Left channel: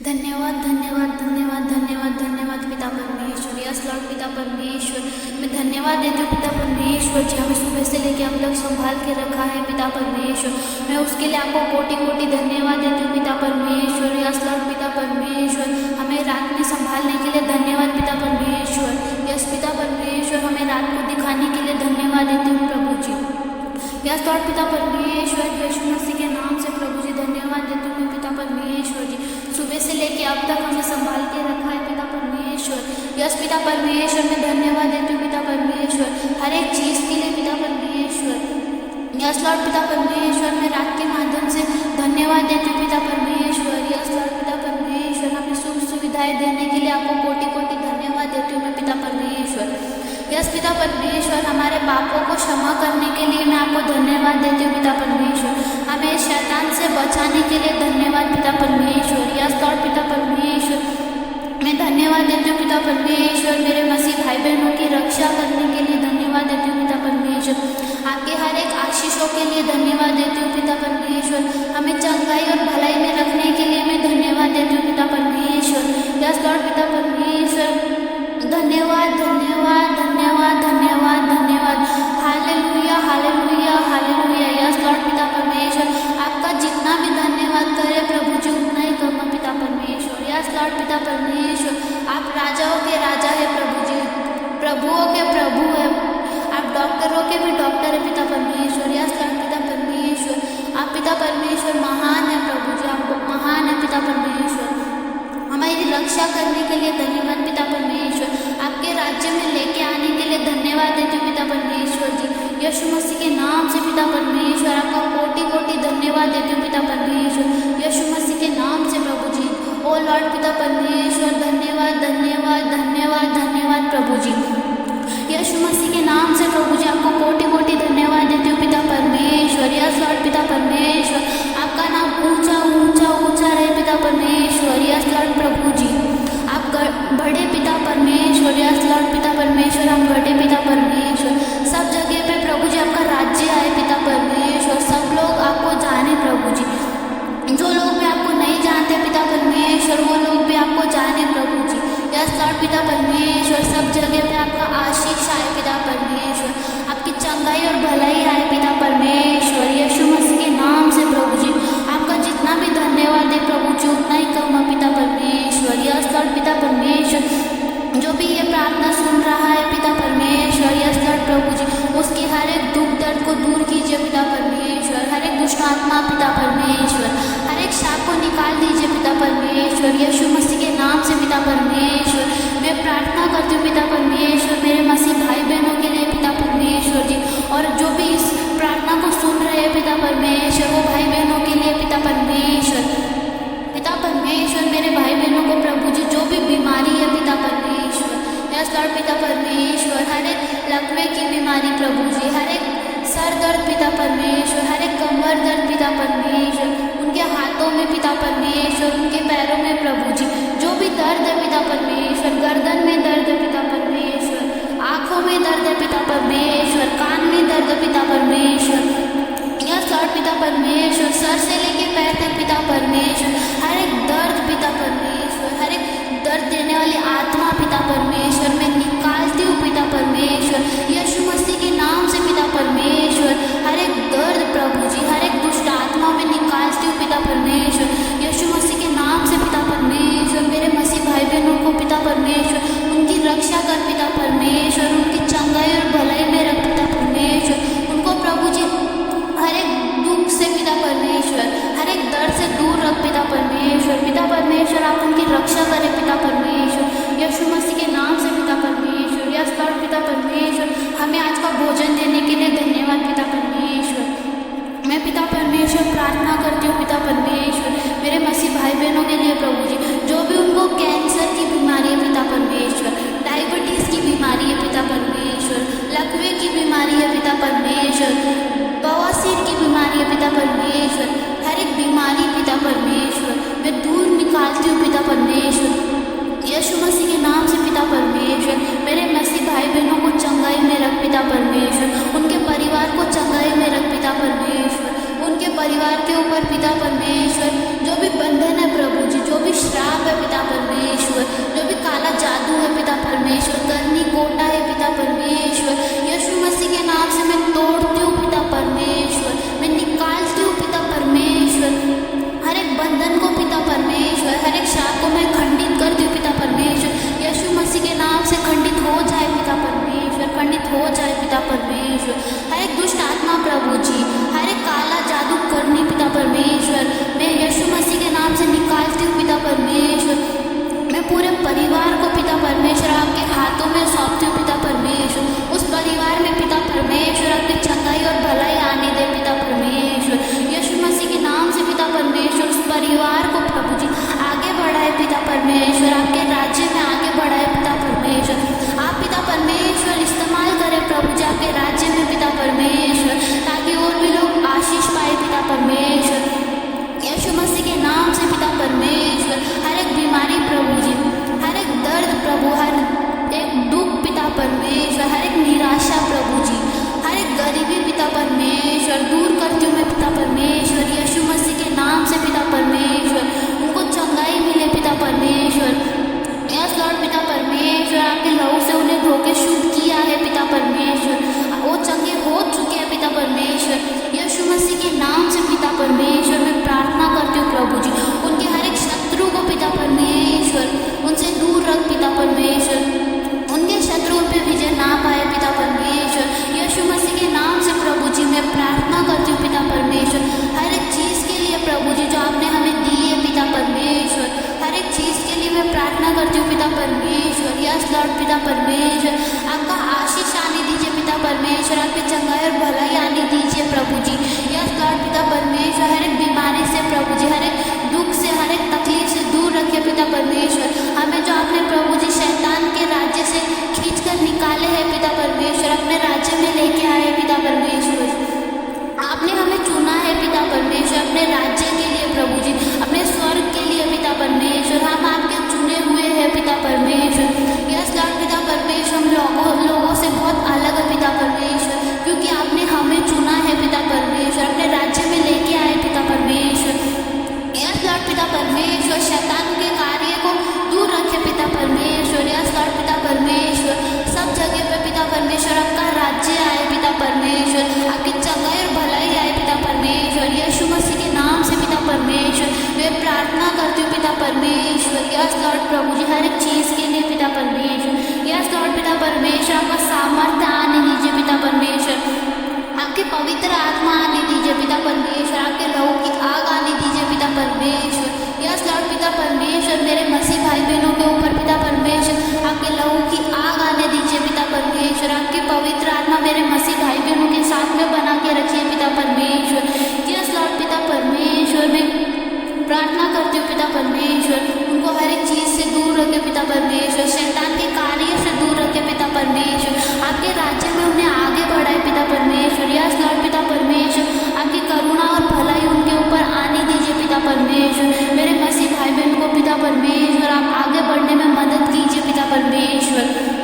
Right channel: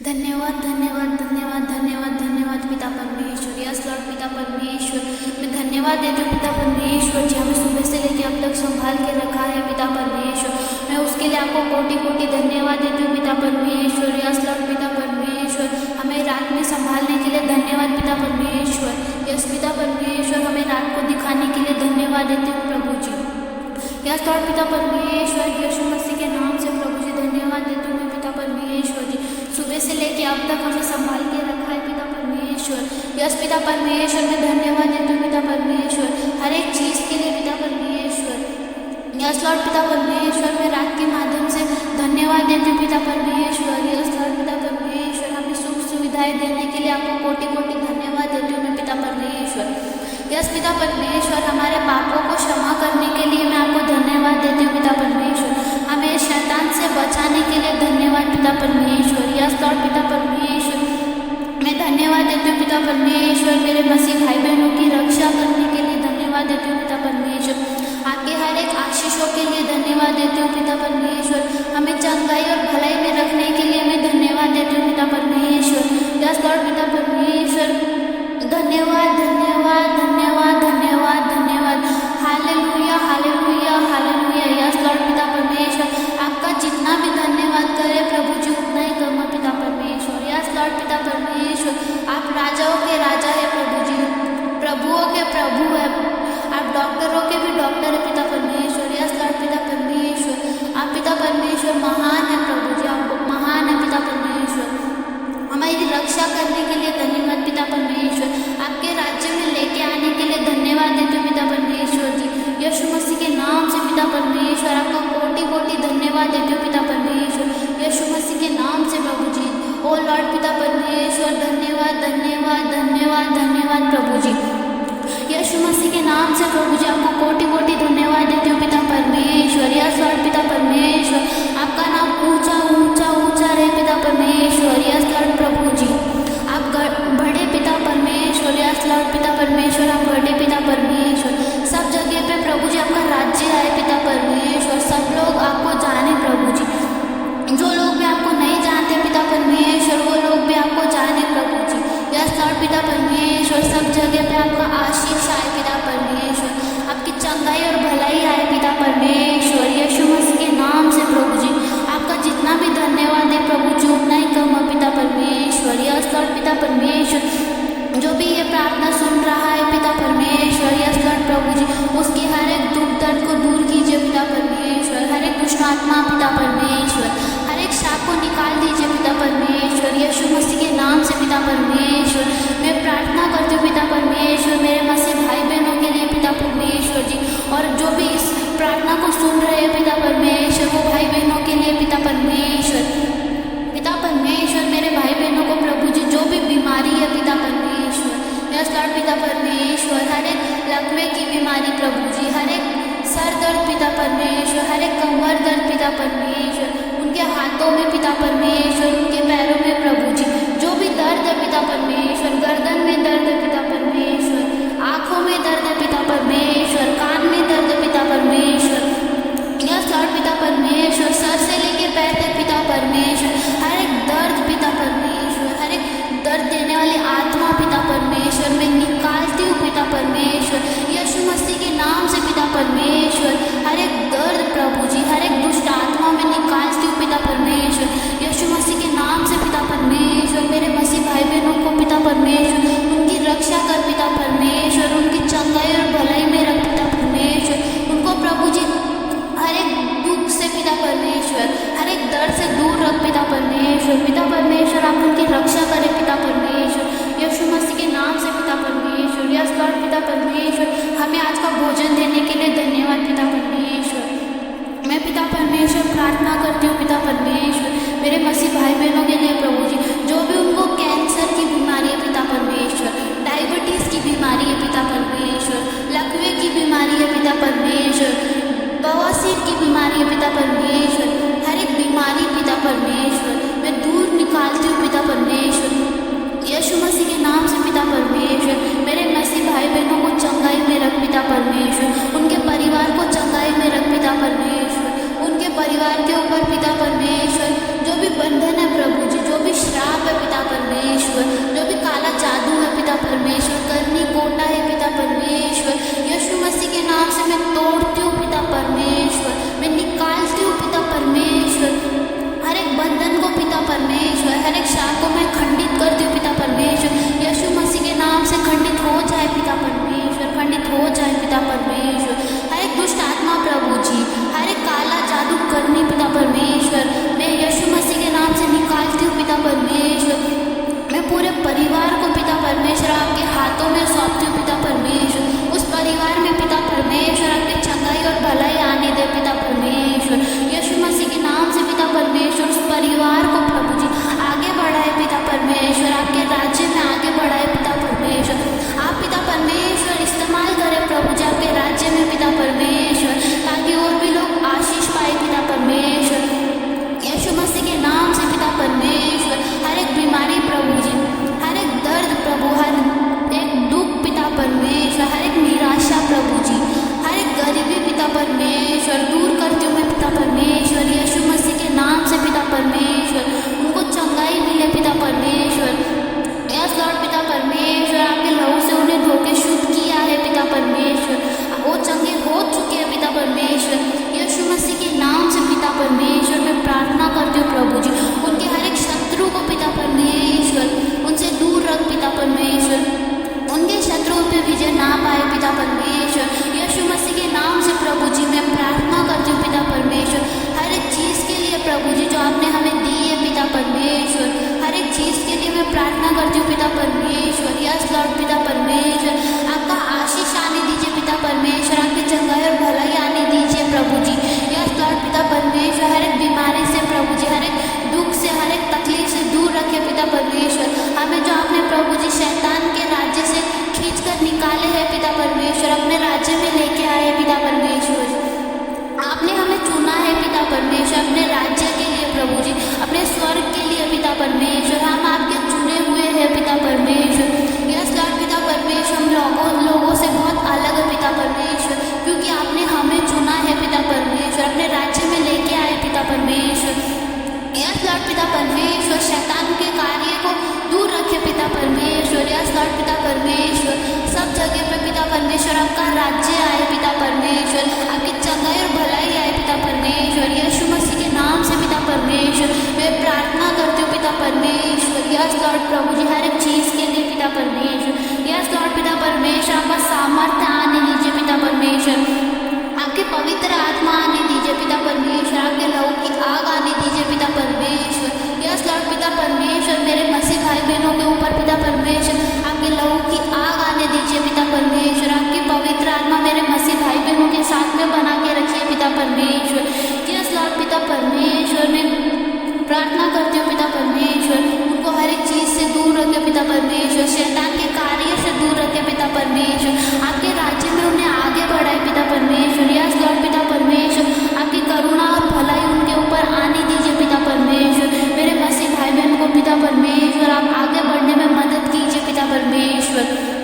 धन्यवाद धन्यवाद धन्यवाद धन्यवाद धन्यवाद पिता परमेश्वर। यस लॉर्ड पिता परमेश्वर, मैं धन्यवाद देती हूँ पिता परमेश्वर जी, हमें सुबह से लेकर अब तक संभाल के रखा है पिता परमेश्वर। मैं उसके लिए आपको कोटि कोटि धन्यवाद देती हूँ पिता परमेश्वर। यस लॉर्ड पिता परमेश्वर, हमें रात में संभालने के लिए धन्यवाद पिता परमेश्वर। यस पिता परमेश्वर, हमें रात को दिखाने के लिए धन्यवाद देती हूँ प्रभु जी। यस लॉर्ड पिता परमेश्वर, यीशु मसीह के नाम से प्रभु जी धन्यवाद देती हूँ मैं पिता परमेश्वर जी। सुबह से लेके अब तक हमें संभाल के रखा है पिता परमेश्वर। यस पिता परमेश्वर, मैं धन्यवाद देती हूँ पिता परमेश्वर हर एक चीज़ के लिए पिता परमेश्वर। यस लॉर्ड पिता परमेश्वर, मैं रात के माध्यम से धन्यवाद देती हूँ पिता परमेश्वर। यस लॉर्ड पिता परमेश्वर, हमें सुख सुविधाएं देने के लिए आपको कोटि कोटि धन्यवाद देती हूँ मैं पिता परमेश्वर। यस पिता परमेश्वर, हमारे पापों को क्षमा करने के लिए मैं आपको धन्यवाद देती हूँ पिता परमेश्वर। हमें शैतान से बचाने के लिए धन्यवाद पिता परमेश्वर। यस लॉर्ड पिता परमेश्वर, मैं धन्यवाद देती हूँ पिता परमेश्वर। मेरे मसीह भाई बहनों की रक्षा करने के लिए धन्यवाद देती हूँ पिता परमेश्वर। आपके हर एक आशीषों के लिए धन्यवाद देती हूँ पिता परमेश्वर। हमें चंगाई और भलाई में रखने के लिए मैं धन्यवाद देती हूँ पिता परमेश्वर। यस लॉर्ड पिता परमेश्वर, धन्यवाद धन्यवाद धन्यवाद धन्यवाद धन्यवाद। Hallelujah hallelujah hallelujah. Yes Lord पिता परमेश्वर, आपका जितना भी धन्यवाद करे प्रभु जी उतना ही कम है पिता परमेश्वर। यस लॉर्ड पिता परमेश्वर, आप राजाओं के राजा है प्रभु जी, प्रभुओं के प्रभु है, आप डॉक्टरों के भी डॉक्टर है पिता परमेश्वर। यस लॉर्ड पिता परमेश्वर, आप पिता परमेश्वर महान है प्रभु जी, आप महान है पिता परमेश्वर। हमारी रक्षा करने के लिए धन्यवाद पिता परमेश्वर। आपके राज्य में लेके आने के लिए धन्यवाद देती हूँ पिता परमेश्वर जी। यीशु मसीह के नाम से पिता परमेश्वर, आपका कोटि कोटि धन्यवाद देती हूँ पिता परमेश्वर। यीशु मसीह के नाम से प्रभु जी। ओ लॉर्ड पिता परमेश्वर, धन्यवाद धन्यवाद धन्यवाद धन्यवाद प्रभु जी। यीशु मसीह के नाम से प्रभु जी, आपको कोटि कोटि धन्यवाद देती हूँ पिता परमेश्वर। यस लॉर्ड पिता परमेश्वर, आपका नाम ऊंचा ऊंचा ऊंचा रहे पिता परमेश्वर। यस लॉर्ड प्रभु जी, आप बड़े पिता परमेश्वर। यस लॉर्ड पिता परमेश्वर, हम बड़े पिता परमेश्वर। सब जगह पे प्रभु जी आपका राज्य आए पिता परमेश्वर, सब लोग आपको जाने प्रभु जी। जो लोग भी आपको नहीं जानते पिता परमेश्वर, वो लोग भी आपको जाने प्रभु जी। यस लॉर्ड पिता परमेश्वर, सब जगह पे आपका आशीष आए पिता परमेश्वर, आपकी चंगाई और भलाई आए पिता परमेश्वर। यीशु मसीह के नाम से प्रभु जी, आपका जितना भी धन्यवाद दे प्रभु जी उतना ही कम है पिता परमेश्वर। यस लॉर्ड पिता परमेश्वर, जो भी ये प्रार्थना सुन रहा है पिता परमेश्वर, यस लॉर्ड प्रभु जी, उसके हर एक दुख दर्द को दूर कीजिए पिता परमेश्वर। हर एक दुष्ट आत्मा पिता परमेश्वर, हर एक शाप को निकाल दीजिए पिता परमेश्वर। यीशु मसीह के नाम से पिता परमेश्वर, मैं प्रार्थना करती हूँ पिता परमेश्वर मेरे मसीह भाई बहनों के लिए पिता परमेश्वर जी, और जो भी इस प्रार्थना को सुन रहे हैं पिता परमेश्वर, वो भाई बहनों के लिए पिता परमेश्वर। पिता परमेश्वर, मेरे भाई बहनों को प्रभु जी जो भी बीमारी है पिता परमेश्वर, यस लॉर्ड पिता परमेश्वर, हर एक लकवे की बीमारी प्रभु जी, हर एक सर दर्द पिता परमेश्वर, हर एक कमर दर्द पिता परमेश्वर, उनके हाथों में पिता परमेश्वर, उनके पैरों में प्रभु जी जो भी दर्द है पिता परमेश्वर, गर्दन में दर्द है पिता परमेश्वर, आँखों में दर्द है पिता परमेश्वर, कान में दर्द है पिता परमेश्वर। यस लॉर्ड पिता परमेश्वर, सर से लेके पैर तक पिता परमेश्वर, हर एक दर्द पिता परमेश्वर, हर एक दर्द देने वाली आत्मा पिता परमेश्वर मैं निकालती हूँ पिता परमेश्वर। यीशु मसीह के नाम से पिता परमेश्वर, हर एक दर्द प्रभु जी, हर एक दुष्ट आत्मा में निकालती हूँ पिता परमेश्वर। यीशु मसीह के नाम से पिता परमेश्वर, मेरे मसीह भाई बहनों को पिता परमेश्वर, उनकी रक्षा कर पिता परमेश्वर, उनकी चंगाई और भलाई में रख पिता परमेश्वर, उनको प्रभु जी हर एक दुख से पिता परमेश्वर, हर एक दर्द से दूर रख पिता परमेश्वर। पिता परमेश्वर, आप उनकी रक्षा करें पिता परमेश्वर, यीशु मसीह के नाम से पिता परमेश्वर। यस लॉर्ड पिता परमेश्वर, हमें आज का भोजन देने के लिए धन्यवाद पिता परमेश्वर। मैं पिता परमेश्वर प्रार्थना करती हूँ पिता परमेश्वर मेरे मसीह भाई बहनों के लिए प्रभु जी, जो भी उनको कैंसर की बीमारी है पिता परमेश्वर, डायबिटीज़ की बीमारी है पिता परमेश्वर, लकवे की बीमारी है पिता परमेश्वर, बवासीर की बीमारी है पिता परमेश्वर, हर एक बीमारी पिता परमेश्वर मैं दूर निकालती हूँ पिता परमेश्वर। यीशु मसीह के नाम से पिता परमेश्वर मेरे मसीह भाई बहनों को चंगाई में रख पिता परमेश्वर, उनके परिवार को चंगाई में रख पिता परमेश्वर, उनके परिवार के ऊपर पिता परमेश्वर जो भी बंधन है प्रभु जी, जो भी श्राप है पिता परमेश्वर, जो भी काला जादू है पिता परमेश्वर, करनी कोटा है पिता परमेश्वर, यीशु मसीह के नाम से मैं तोड़ती हूँ पिता परमेश्वर, मैं निकालती हूँ पिता परमेश्वर, हर एक बंधन को पिता परमेश्वर, हर एक शाप को मैं खंडित करती हूँ पिता परमेश्वर, यीशु मसीह के नाम से खंडित हो जाए पिता परमेश्वर, खंडित हो जाए पिता परमेश्वर, हर एक दुष्ट आत्मा प्रभु जी, हर एक काला जादू करनी पिता परमेश्वर मैं यीशु मसीह के नाम से निकालती हूँ पिता परमेश्वर, मैं पूरे परिवार को पिता परमेश्वर आपके हाथों में सौंपती हूँ पिता परमेश्वर, उस परिवार में पिता परमेश्वर आपकी चंगाई और भलाई आने दे पिता परमेश्वर, यीशु मसीह के नाम से पिता परमेश्वर उस परिवार को प्रभु जी आगे बढ़ाए पिता परमेश्वर, आपके राज्य में आगे बढ़ाए पिता परमेश्वर, आप पिता परमेश्वर इस्तेमाल करें प्रभु जी आपके राज्य में पिता परमेश्वर, ताकि और भी लोग आशीष पाए पिता परमेश्वर, यीशु मसीह के नाम से पिता परमेश्वर हर एक बीमारी प्रभु जी, हर एक दर्द प्रभु, हर एक दुख पिता परमेश्वर, हर एक निराशा प्रभु जी, हर एक गरीबी पिता परमेश्वर दूर करती हूँ मैं पिता परमेश्वर, यीशु मसीह के नाम से पिता परमेश्वर उनको चंगाई मिले पिता परमेश्वर, यस लॉर्ड पिता परमेश्वर आपके लहू से उन्हें धोके शुद्ध किया है पिता परमेश्वर, वो चंगे हो चुके हैं पिता परमेश्वर, यीशु मसीह के नाम से पिता परमेश्वर मैं प्रार्थना करती हूँ प्रभु जी उनके हर एक शत्रु को पिता परमेश्वर उनसे दूर रख पिता परमेश्वर, उनके शत्रुओं पे विजय ना पाए पिता परमेश्वर, यीशु मसीह के नाम से प्रभु जी मैं प्रार्थना करती हूँ पिता परमेश्वर हर एक चीज़ के लिए प्रभु जी जो आपने हमें दी है पिता परमेश्वर, हर एक चीज़ के लिए मैं प्रार्थना करती हूँ पिता परमेश्वर, यस लॉर्ड पिता परमेश्वर आपका आशीष आने दीजिए पिता परमेश्वर, आपकी चंगाई और भलाई आने दीजिए प्रभु जी, यस लॉर्ड पिता परमेश्वर हर एक बीमारी से प्रभु जी, हर एक दुख से, हर एक तकलीफ से दूर रखे पिता परमेश्वर, हमें जो आपने प्रभु जी शैतान के राज्य से खींच कर निकाले हैं पिता परमेश्वर, अपने राज्य में लेके आए हैं पिता परमेश्वर, आपने हमें चुना है पिता परमेश्वर अपने राज्य के लिए प्रभु जी, अपने स्वर्ग के लिए पिता परमेश्वर, हम आपके चुने हुए हैं पिता परमेश्वर, यस लॉर्ड पिता परमेश्वर हम लोगों से बहुत अलग है पिता परमेश्वर, क्योंकि आपने हमें चुना है पिता परमेश्वर, अपने राज्य में लेके आए पिता परमेश्वर, यस लॉर्ड पिता परमेश्वर शैतान के कार्य को दूर रखे पिता परमेश्वर, यस लॉर्ड पिता परमेश्वर सब जगह पे पिता परमेश्वर आपका राज्य आए पिता परमेश्वर, आपकी चंगाई और भलाई आए पिता परमेश्वर, यीशु मसीह के नाम से पिता परमेश्वर मैं प्रार्थना करती हूँ पिता परमेश्वर, यस लॉर्ड प्रभु जी हर एक चीज़ के लिए पिता परमेश्वर, यस लॉर्ड पिता परमेश्वर आपका सामर्थ्य आने दीजिए पिता परमेश्वर, आपके पवित्र आत्मा आने दीजिए पिता परमेश्वर, आपके लहू की आग आने दीजिए पिता परमेश्वर, यस लॉर्ड पिता परमेश्वर मेरे मसीह भाई बहनों के ऊपर पिता परमेश्वर आपके लहू की आग आने दीजिए पिता परमेश्वर, आपकी पवित्र आत्मा मेरे मसीह भाई बहनों के साथ में बना के रखिए पिता परमेश्वर, यस लॉर्ड पिता परमेश्वर मैं प्रार्थना करती हूँ पिता परमेश्वर उनको हर एक चीज़ से दूर रखे पिता परमेश्वर, शैतान के कार्य से दूर रखे पिता परमेश्वर, आपके राज्य में उन्हें आगे बढ़ाए पिता परमेश्वर, यस लॉर्ड पिता परमेश्वर आपकी करुणा और भलाई उनके ऊपर आने दीजिए पिता परमेश्वर, मेरे मसीह भाई बहन को पिता परमेश्वर आप आगे बढ़ने में मदद कीजिए पिता परमेश्वर,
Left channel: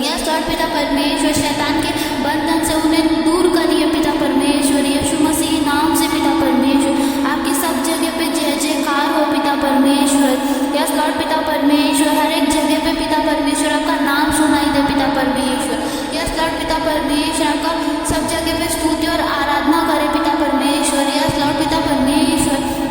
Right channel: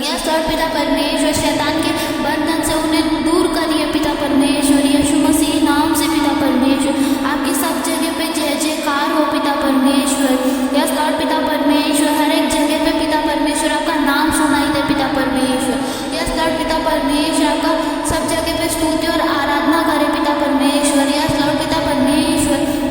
यस लॉर्ड पिता परमेश्वर शैतान के बंधन से उन्हें दूर करिए पिता परमेश्वर, यीशु मसीह नाम से पिता परमेश्वर आपकी सब जगह पे जय जयकार हो पिता परमेश्वर, यस लॉर्ड पिता परमेश्वर हर एक जगह पे पिता परमेश्वर आपका नाम सुनाई दे पिता परमेश्वर, यस लॉर्ड पिता परमेश्वर आपका सब जगह पे स्तुति और आराधना करे पिता परमेश्वर, यस लॉर्ड पिता परमेश्वर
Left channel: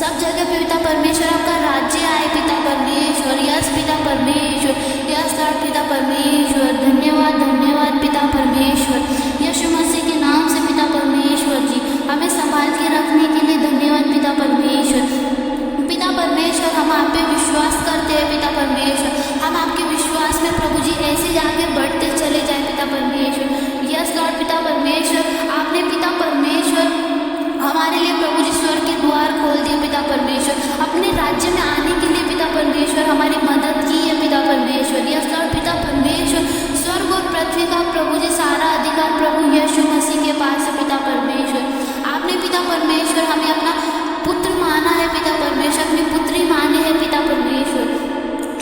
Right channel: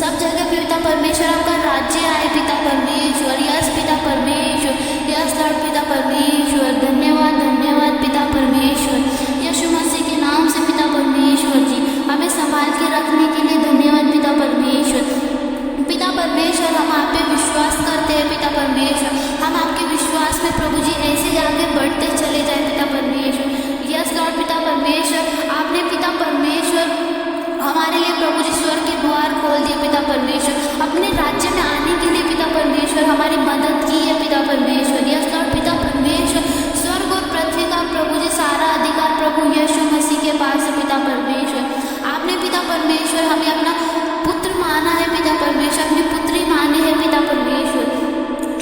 सब जगह पे पिता परमेश्वर आपका राज्य आए पिता परमेश्वर, यस पिता परमेश्वर, यस लॉर्ड पिता परमेश्वर धन्यवाद धन्यवाद पिता परमेश्वर, यीशु मसीह के नाम से पिता परमेश्वर जी हमें संभाल के रखने के लिए धन्यवाद पिता परमेश्वर, पिता परमेश्वर हम आप पे विश्वास करते हैं पिता परमेश्वर, हम आपके विश्वास में प्रभु जी ऐसे आगे बढ़ते चले जाए पिता परमेश्वर, यस लॉर्ड पिता परमेश्वर आपने पिता परमेश्वर हमारे लिए प्रभु जी स्वर्ग के द्वार खोल दिए पिता परमेश्वर, अपने राज्य में आने के लिए पिता परमेश्वर हमारी मदद की है पिता परमेश्वर, यस लॉर्ड पिता परमेश्वर स्वर्ग और पृथ्वी का प्रभु जी सारा अधिकार प्रभु यीशु मसीह के पास है पिता परमेश्वर, आपने पिता परमेश्वर हमें अपना पुत्र माना है पिता परमेश्वर, अपनी पुत्री माने है पिता परमेश्वर,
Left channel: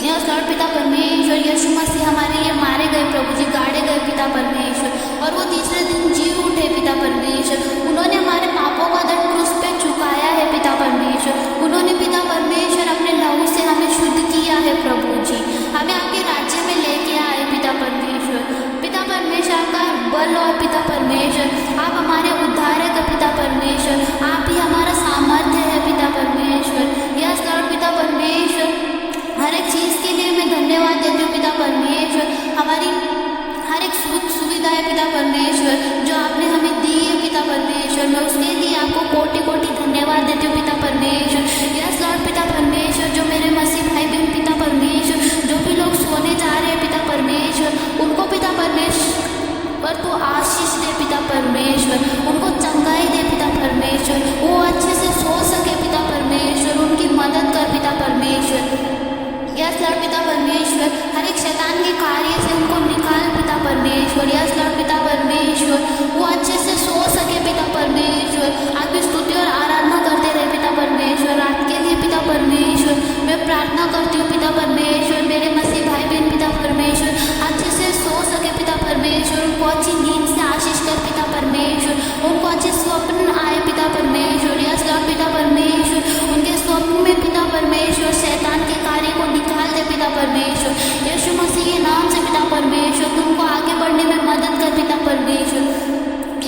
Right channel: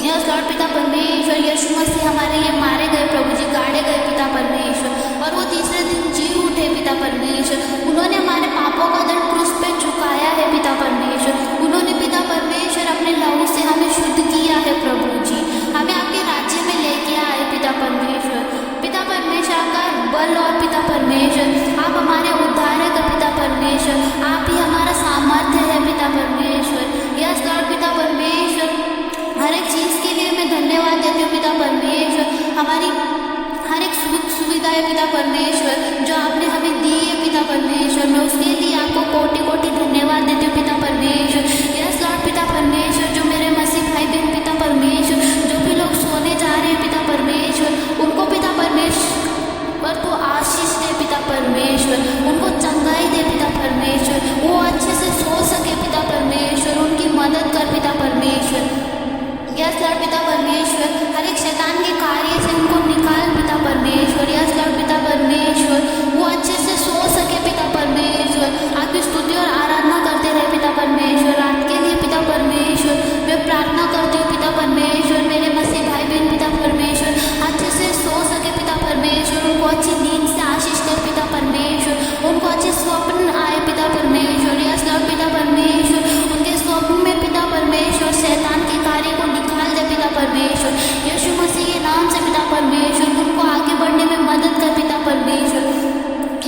यस लॉर्ड पिता परमेश्वर, यीशु मसीह हमारे लिए मारे गए प्रभु जी, गाड़े गए पिता परमेश्वर, और वो तीसरे दिन जी उठे पिता परमेश्वर। उन्होंने हमारे पापों का दंड क्रूस पे चुकाया है पिता परमेश्वर। उन्होंने पिता परमेश्वर अपने लहू से हमें शुद्ध किया है प्रभु जी, हमें आपके राज्य में लेके आए पिता परमेश्वर। पिता परमेश्वर आपका बल और पिता परमेश्वर आप हमारे उद्धारक है पिता परमेश्वर, आप ही हमारा सामर्थ्य है पिता परमेश्वर। यस लॉर्ड पिता परमेश्वर, हर एक चीज़ के लिए मैं धन्यवाद देती हूँ पिता परमेश्वर। हमारी हर एक सुख सुविधा है पिता परमेश्वर जो आपने हमें दी है पिता परमेश्वर, मैं उसके लिए आपको कोटि कोटि धन्यवाद देती हूँ पिता परमेश्वर। यस लॉर्ड पिता परमेश्वर, जो मेरे मसीह भाई बहन पिता परमेश्वर, जो भी लोग सोने जा रहे हैं पिता परमेश्वर, उनको पिता परमेश्वर पर तो आशीष दे पिता परमेश्वर, उनको चंगाई दे पिता परमेश्वर, वो अच्छे से सो सके पिता परमेश्वर, उनकी मदद कर पिता परमेश्वर। यस लॉर्ड पिता परमेश्वर, हर एक शैतान के कार्य से उनको निकाल पिता परमेश्वर। यस लॉर्ड पिता परमेश्वर, वो अच्छे से सो सके पिता परमेश्वर, आपकी स्तुति और आराधना करते रहे पिता परमेश्वर। रात के लिए पिता परमेश्वर मैं प्रार्थना करती हूँ पिता परमेश्वर, मेरे मसीह भाई बहन पिता परमेश्वर अच्छे से सो सके पिता परमेश्वर, उनको अच्छी नींद से आशीष कर पिता परमेश्वर, उनको अच्छे स्वप्न आए पिता परमेश्वर। यस लॉर्ड पिता परमेश्वर, उनके स्वप्न में पिता परमेश्वर शैतान के कार्य को निकाल दे पिता परमेश्वर। यीशु मसीह के नाम से पिता परमेश्वर तुमको आगे बढ़ने में मदद कर पिता परमेश्वर।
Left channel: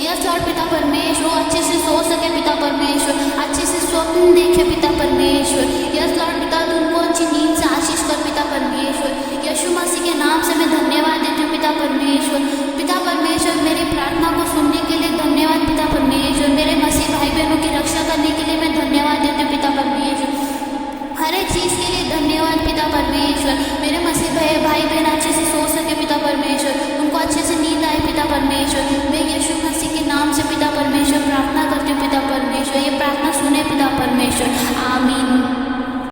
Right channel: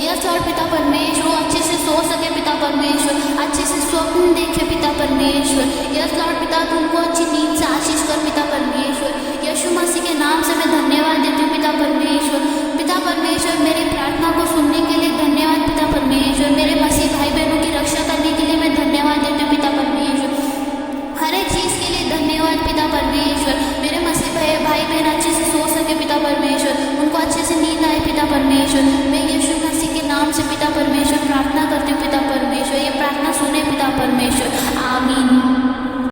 यस लॉर्ड पिता परमेश्वर, वो अच्छे से सो सके पिता परमेश्वर, अच्छे से स्वप्न देखे पिता परमेश्वर। यस लॉर्ड पिता, तुमको अच्छी नींद से आशीष कर पिता परमेश्वर। यीशु मसीह के नाम से मैं धन्यवाद देती हूँ पिता परमेश्वर। पिता परमेश्वर, मेरी प्रार्थना को सुनने के लिए धन्यवाद पिता परमेश्वर। मेरे मसीह भाई बहनों की रक्षा करने के लिए मैं धन्यवाद देती हूँ पिता परमेश्वर। हर एक चीज़ के लिए धन्यवाद पिता परमेश्वर। मेरे मसीह भाई बहन अच्छे से सो सके पिता परमेश्वर, उनको अच्छे से नींद आए पिता परमेश्वर। मैं यीशु मसीह के नाम से पिता परमेश्वर प्रार्थना करती हूँ पिता परमेश्वर, ये प्रार्थना सुने पिता परमेश्वर, आमीन।